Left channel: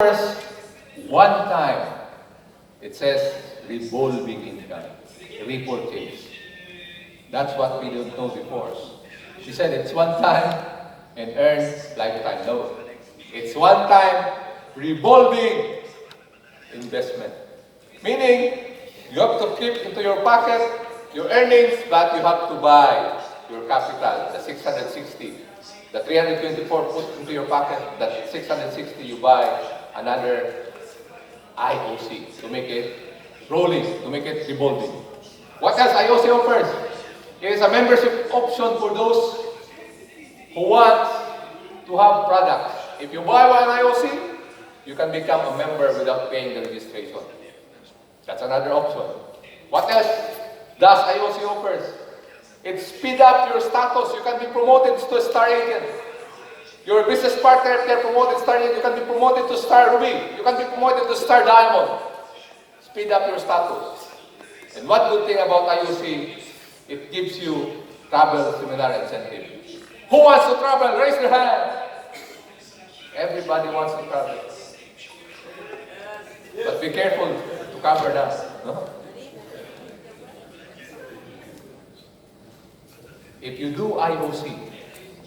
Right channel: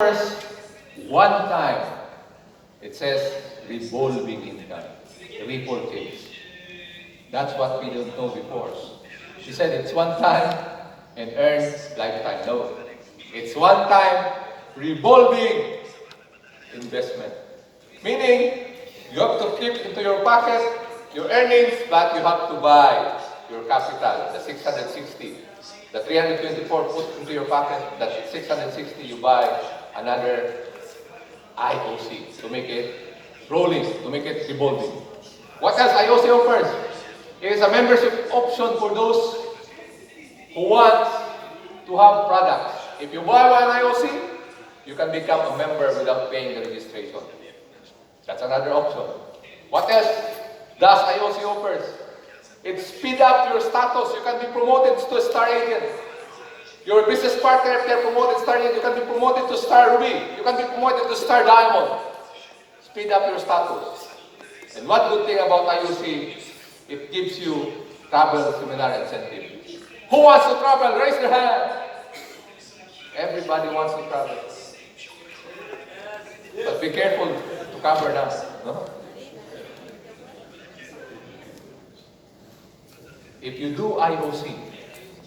First, one time, it says revolving income, repurchase. That's what we didn't know before. She said it's one time and earn lifetime. No, it's one time revolving investment. Meaning, you have to keep into your pocket your earnings, but you have to buy your capital, the 660. The 324 put into your pocket, the 660 you buy another IOC to make it rolling, to make it revolving. What else IOC offers? It is a membership option for those who want to have products. If you buy one IOC, you can become a member without paying the registration. That's another option. What else does IOC offers? It speeds up your status. You can be promoted to star agent. Your business partner can promoted star agent. You can be promoted to star ruby. You can be promoted to star diamond. Speed up your status. And one good thing about IOC, it gives you travel seminar incentive. Who wants to travel? Raise your hand. Everybody wants to travel. But be careful to cover that. No? If you do IOC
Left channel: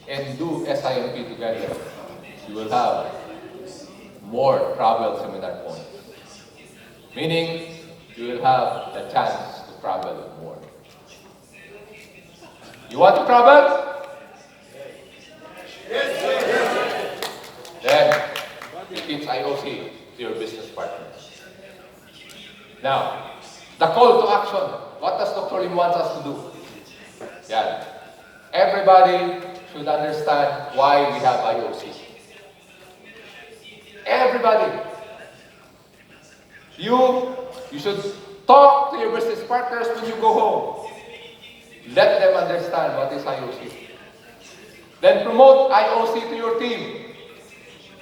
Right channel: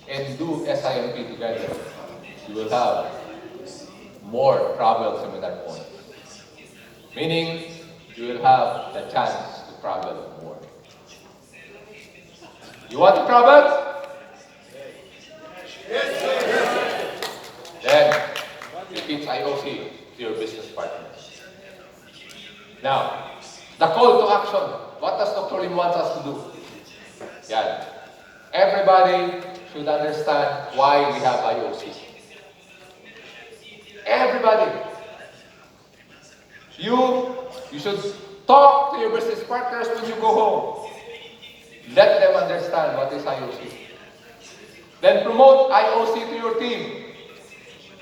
and do SIMP together, you will have more travel seminar points. Meaning, you will have the chance to travel more. You want to travel? Yes. Then, you teach IOC to your business partners. Now, the call to action. What does Dr. Lim want us to do? Yeah. Everybody should understand why we have IOC. Everybody. You should talk to your business partners when you go home. Let them understand what is IOC. Then promote IOC to your team.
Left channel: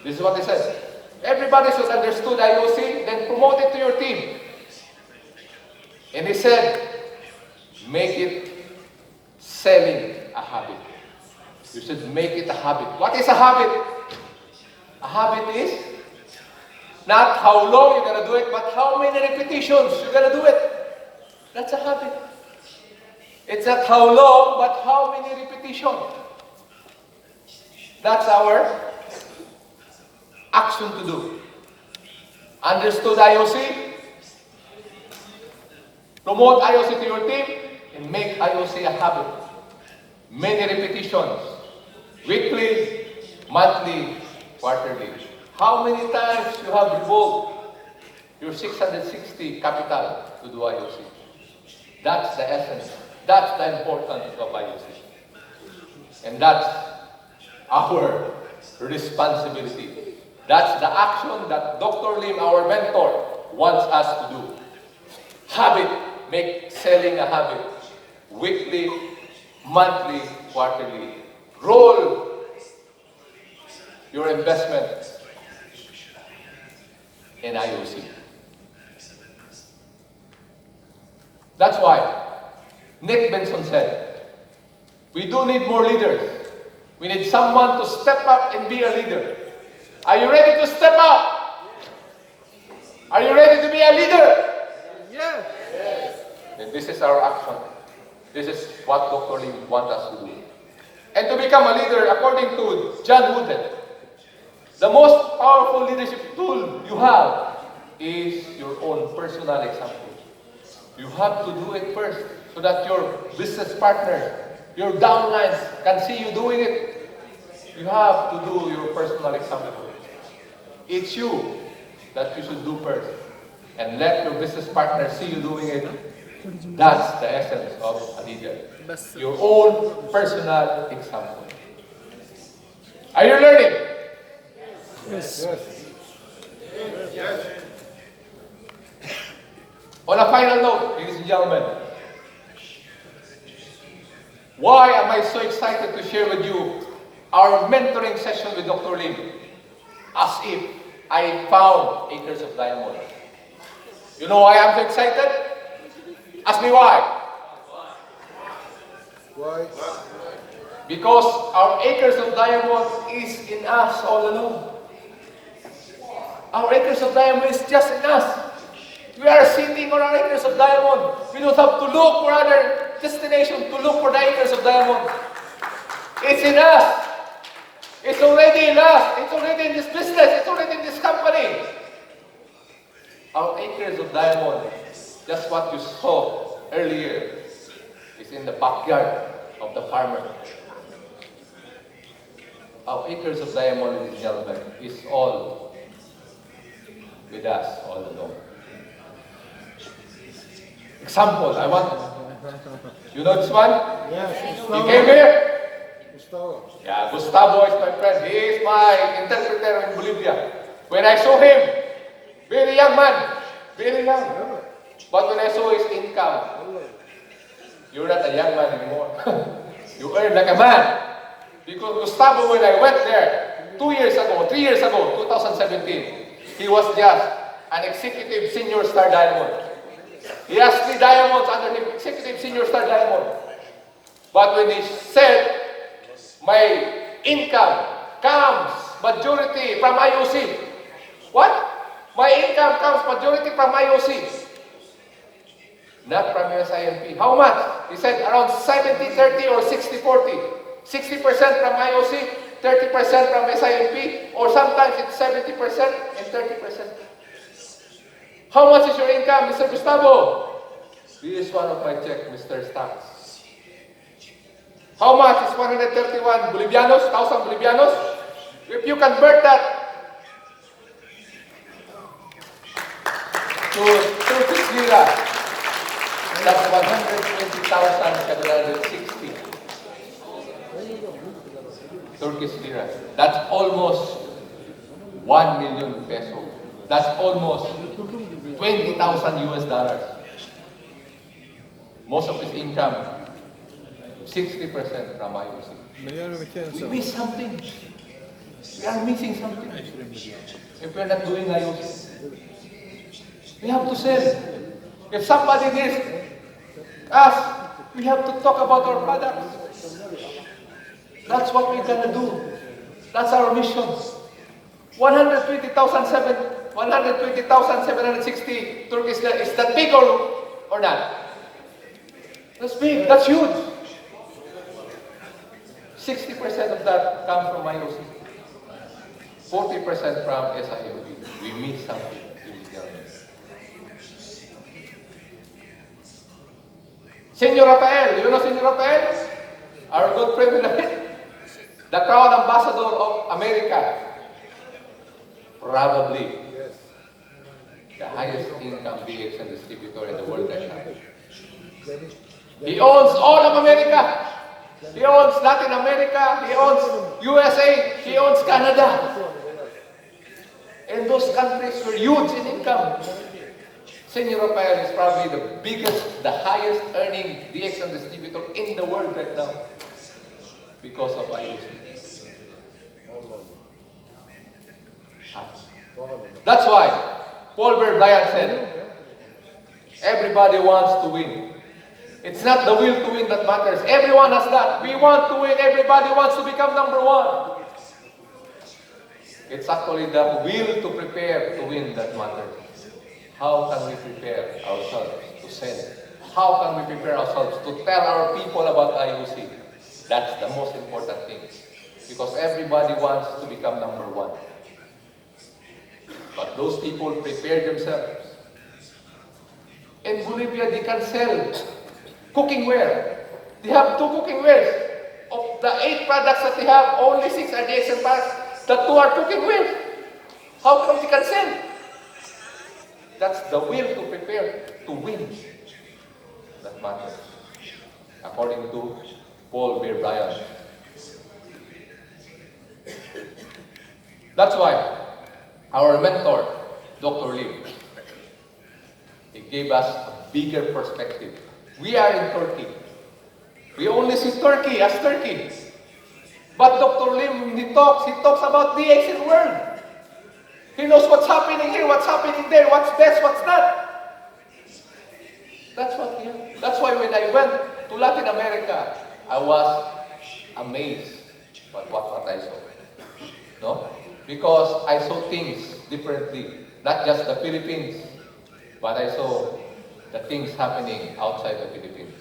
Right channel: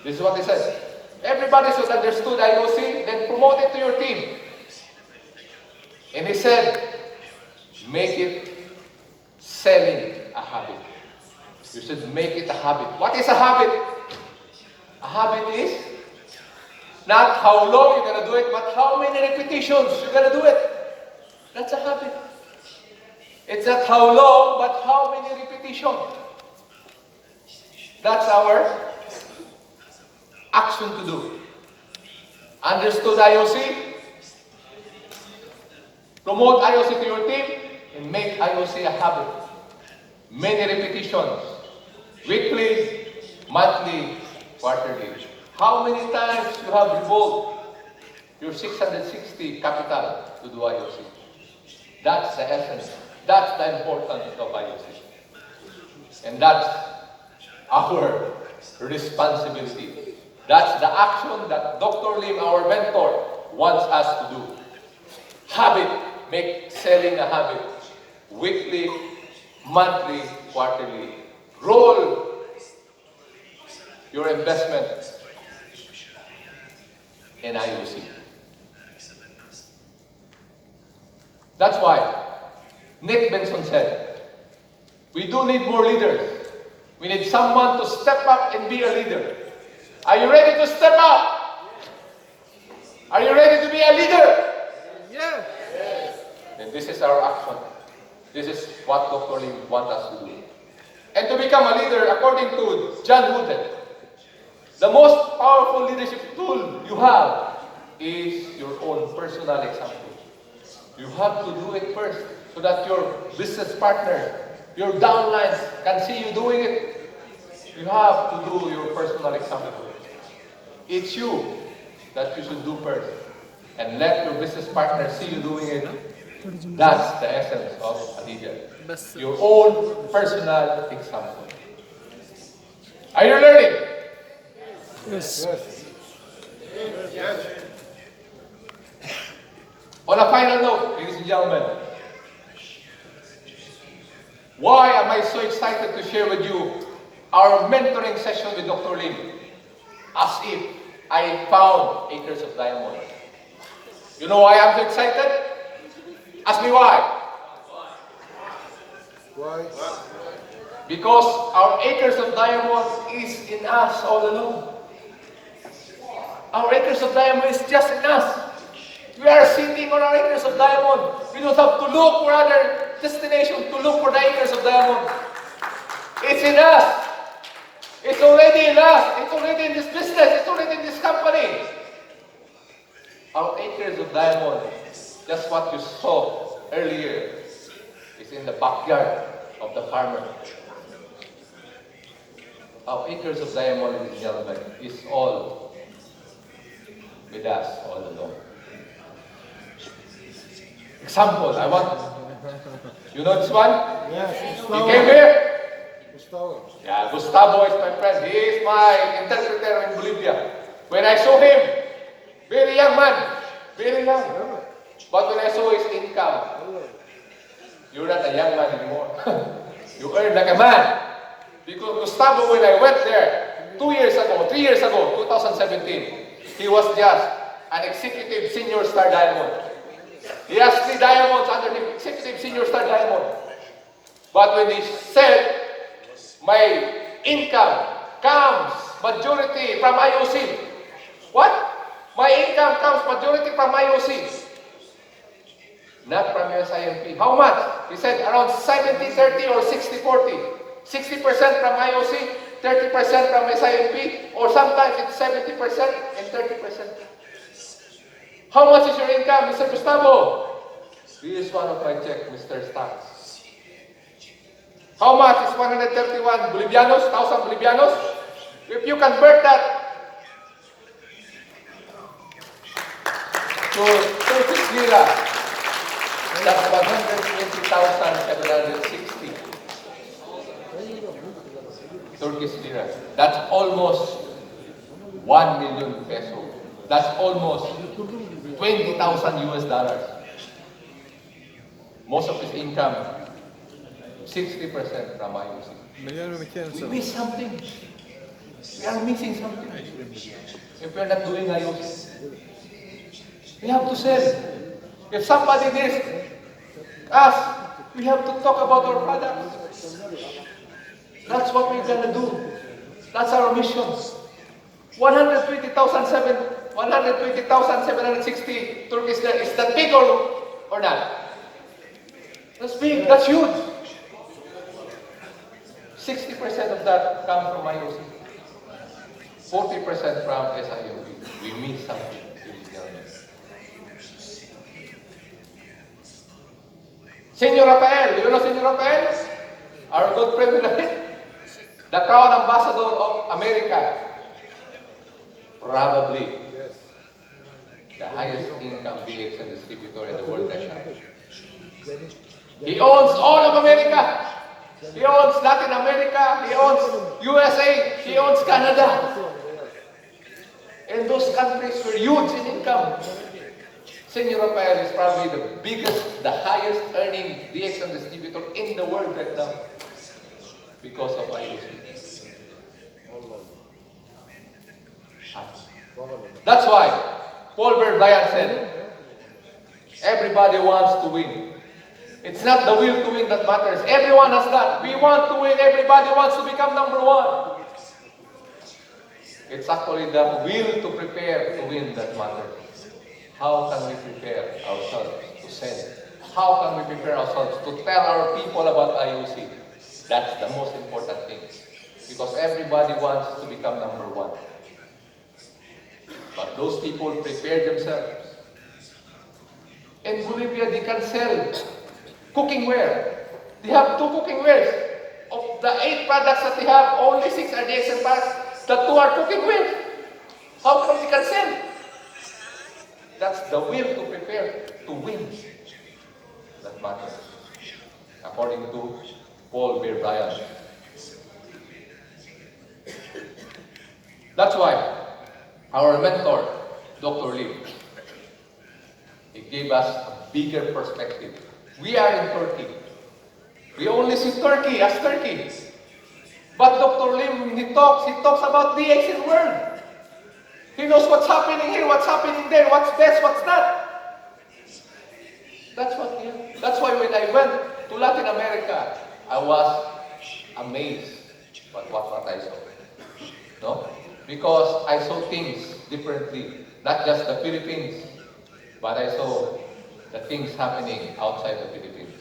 This is what he says. Everybody should understand IOC, then promote it to your team. And he said, make it selling a habit. You should make it a habit. What is a habit? A habit is not how long you're going to do it, but how many repetitions you're going to do it. That's a habit. It's not how long, but how many repetitions. That's our action to do. Understood IOC? Promote IOC to your team and make IOC a habit. Many repetitions. Weekly, monthly, quarterly. How many times you have revolved your 660 capital to do IOC? That's the essence. That's the importance of IOC. And that's our responsibility. That's the action that Dr. Lim, our mentor, wants us to do. Habit. Make selling a habit. Weekly, monthly, quarterly. Roll your investment in IOC. That's why Nick Benson said, we do need more leaders. We need someone to step up and be a leader. Are you ready to step up? Are you ready to be a leader? Yes. And this is our action. This is what Dr. Lim wants us to do. And to become a leader, according to John Wooden, the most powerful leadership tool you have is your own personal example. You have to do it first so that your business partners, your downlines can see you doing it. You have to do your personal example. It's you that you should do first. And let your business partners see you doing it. That's the essence of a leader. Your own personal example. Are you learning? Yes. Yes. On a final note, ladies and gentlemen, why am I so excited to share with you our mentoring session with Dr. Lim? As if I found acres of diamond. You know why I'm so excited? Ask me why. Why? Because our acres of diamonds is in us all along. Our acres of diamond is just in us. We are sitting on our acres of diamond. We don't have to look for other destination to look for the acres of diamond. It's in us. It's already in us. It's already in this business. It's already in this company. Our acres of diamond, just what you saw earlier, is in the backyard of the farmer. Our acres of diamond, ladies and gentlemen, is all with us all along. Example, I want, you know this one? Yes, You came here? Gustavo. Yeah, Gustavo is my friend. He is my interpreter in Bolivia. When I saw him, very young man, very young. But when I saw his income, you're not a young man anymore. You earn like a man. Because Gustavo, when I went there 2 years ago, 3 years ago, 2017, he was just an executive senior star diamond. He has 3 diamonds under him, executive senior star diamond. But when he said, my income comes majority from IOC. What? My income comes majority from IOC. Not from SINP. How much? He said around 70-30 or 60-40. 60% from IOC, 30% from SINP, or sometimes it's 70% and 30%. How much is your income, Mr. Gustavo? This is one of my check, Mr. Stax. How much is 131 Bolivianos, 1,000 Bolivianos? If you convert that to Turkish lira, that's 120,760 Turkish lira. That's almost 1 million peso. That's almost 20,000 US dollars. Most of his income, 60% from IOC. We miss something. We are missing something. If we are not doing IOC, we have to sell. If somebody needs us, we have to talk about our products. That's what we're gonna do. That's our mission. 120,760 Turkish lira. Is that big or not? That's big. That's huge. 60% of that comes from IOC. 40% from SIOD. We miss something. Senor Rafael, you know Senor Rafael? Our good president, the Crown Ambassador of America. Probably the highest income BX and distributor in the world right now. He owns all of America. He owns Latin America. He owns USA. He owns Canada. And those countries were huge in income. Senor Rafael is probably the biggest, the highest earning DX and distributor in the world right now because of IOC. That's why Paul Bryant said, everybody wants to win. It's not the will to win that matters. Everyone has that. We want to win. Everybody wants to become number one. It's actually the will to prepare to win that matters. How can we prepare ourselves to sell? How can we prepare ourselves to tell our people about IOC? That's the most important thing. Because everybody wants to become number one. But those people prepare themselves. In Bolivia, they can sell cooking ware. They have 2 cooking wares. Of the 8 products that they have, only 6 are DX products. The 2 are cooking ware. How come they can sell? That's the will to prepare to win. That matters. According to Paul Bryant. That's why our mentor, Dr. Lee, he gave us a bigger perspective. We are in Turkey. We only see Turkey as Turkey. But Dr. Lee, when he talks about the Asian world. He knows what's happening here, what's happening there, what's this, what's that. That's why when I went to Latin America, I was amazed by what I saw. No? Because I saw things differently. Not just the Philippines, but I saw the things happening outside the Philippines.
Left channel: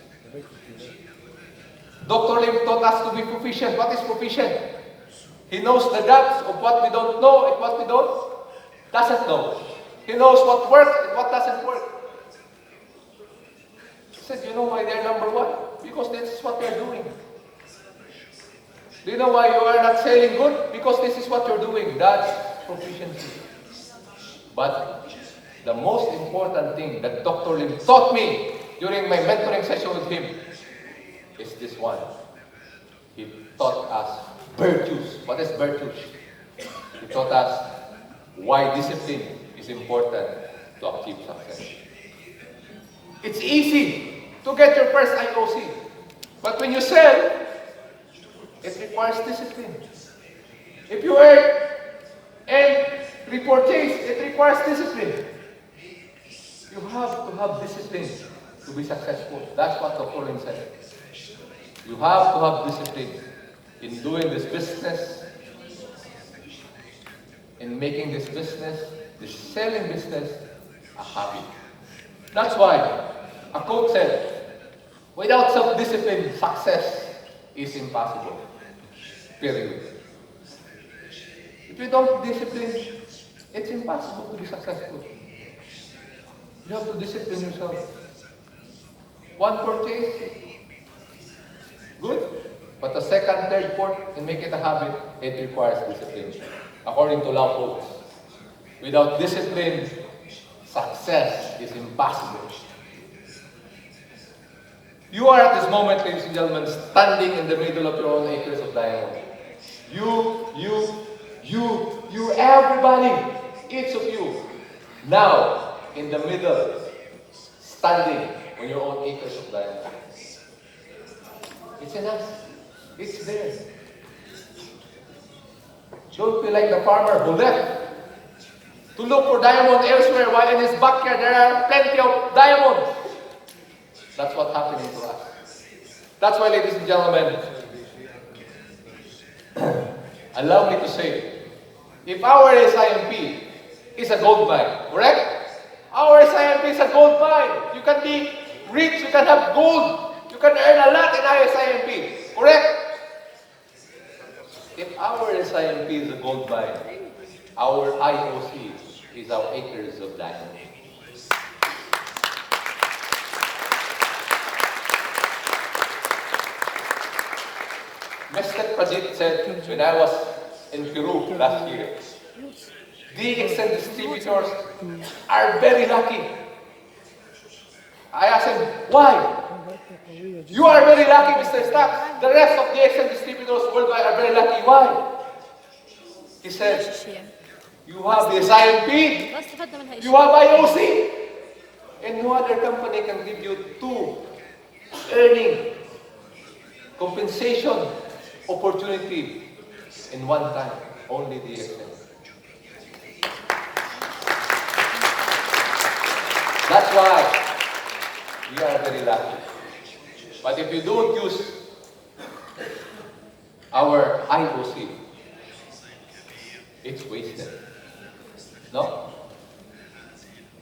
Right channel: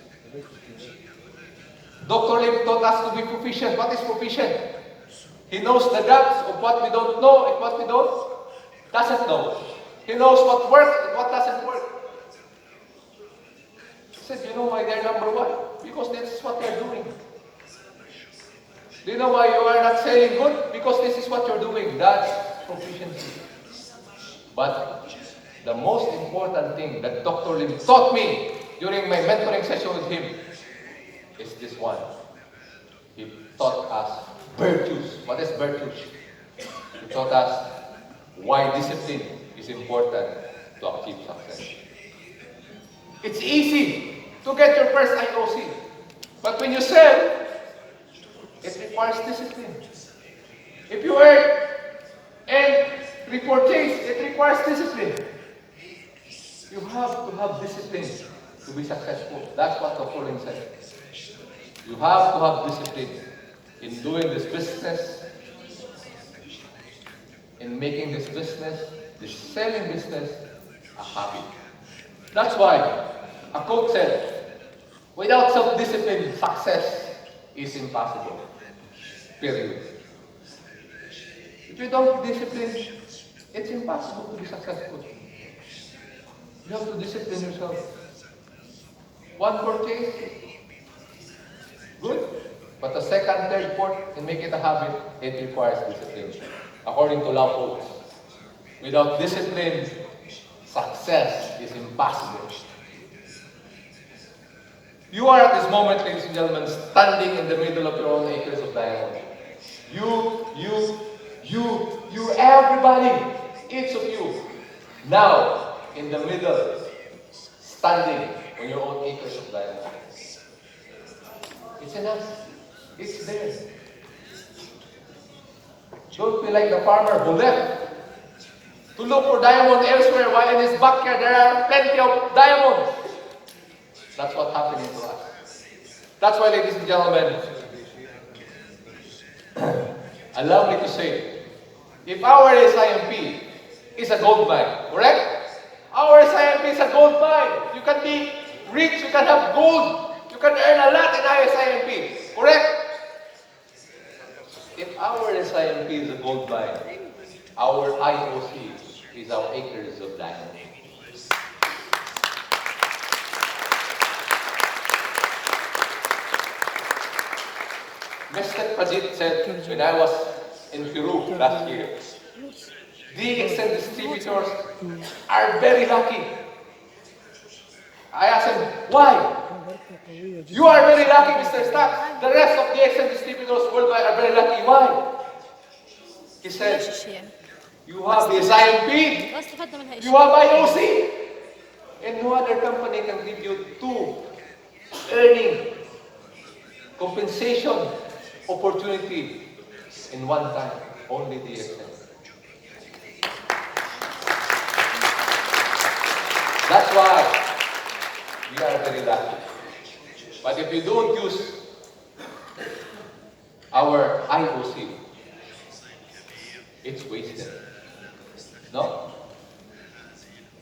Dr. Lim taught us to be proficient. What is proficient? He knows the gaps of what we don't know and what we doesn't know. He knows what works and what doesn't work. He said, you know why they're number one? Because this is what they're doing. Do you know why you are not selling good? Because this is what you're doing. That's proficiency. But the most important thing that Dr. Lim taught me during my mentoring session with him is this one. He taught us virtues. What is virtues? He taught us why discipline is important to achieve success. It's easy to get your first IOC. But when you sell, it requires discipline. If you earn and repurchase, it requires discipline. You have to have discipline to be successful. That's what Dr. Lim said. You have to have discipline in doing this business, in making this business, this selling business, a hobby. That's why a coach said, without self-discipline, success is impossible. Period. If you don't discipline, it's impossible to be successful. You have to discipline yourself. One purchase, good. But the second, third, fourth, and make it a habit, it requires discipline. According to law codes, without discipline, success is impossible. You are at this moment, ladies and gentlemen, standing in the middle of your own acres of land. You, everybody, each of you, now in the middle, standing on your own acres of land. It's enough. It's there. Don't be like the farmer who left to look for diamond elsewhere while in his backyard there are plenty of diamonds. That's what's happening to us. That's why, ladies and gentlemen, allow me to say, if our SIMP is a gold mine, correct? Our SIMP is a gold mine. You can be rich, you can have gold, you can earn a lot in our SIMP, correct? If our SIMP is a gold mine, our IOC is our acres of land. Mr. Pradeep said when I was in Peru last year, DX and distributors are very lucky. I asked him, why? You are very lucky, Mr. Stax. The rest of DX and distributors worldwide are very lucky. Why? He said, you have the SIMP, you have IOC, and no other company can give you two earning compensation opportunity in one time. Only DX. That's why you are very lucky. But if you don't use our IOC, it's wasted. No?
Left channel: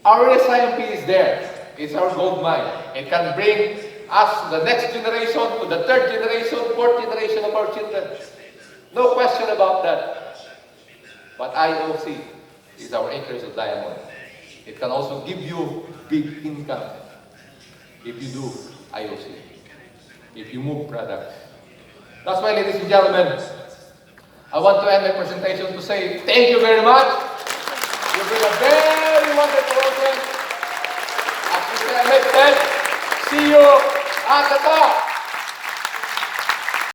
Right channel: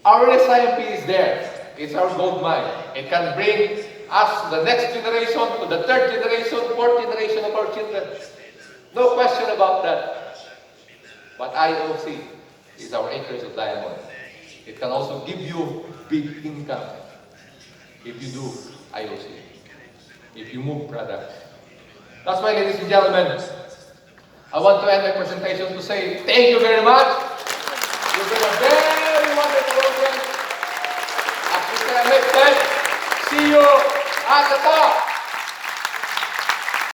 Our SIMP is there. It's our gold mine. It can bring us to the next generation, to the third generation, fourth generation of our children. No question about that. But IOC is our acres of diamond. It can also give you big income if you do IOC, if you move products. That's why, ladies and gentlemen, I want to end my presentation to say thank you very much. You've been a very wonderful audience. As we say next time, see you at the top.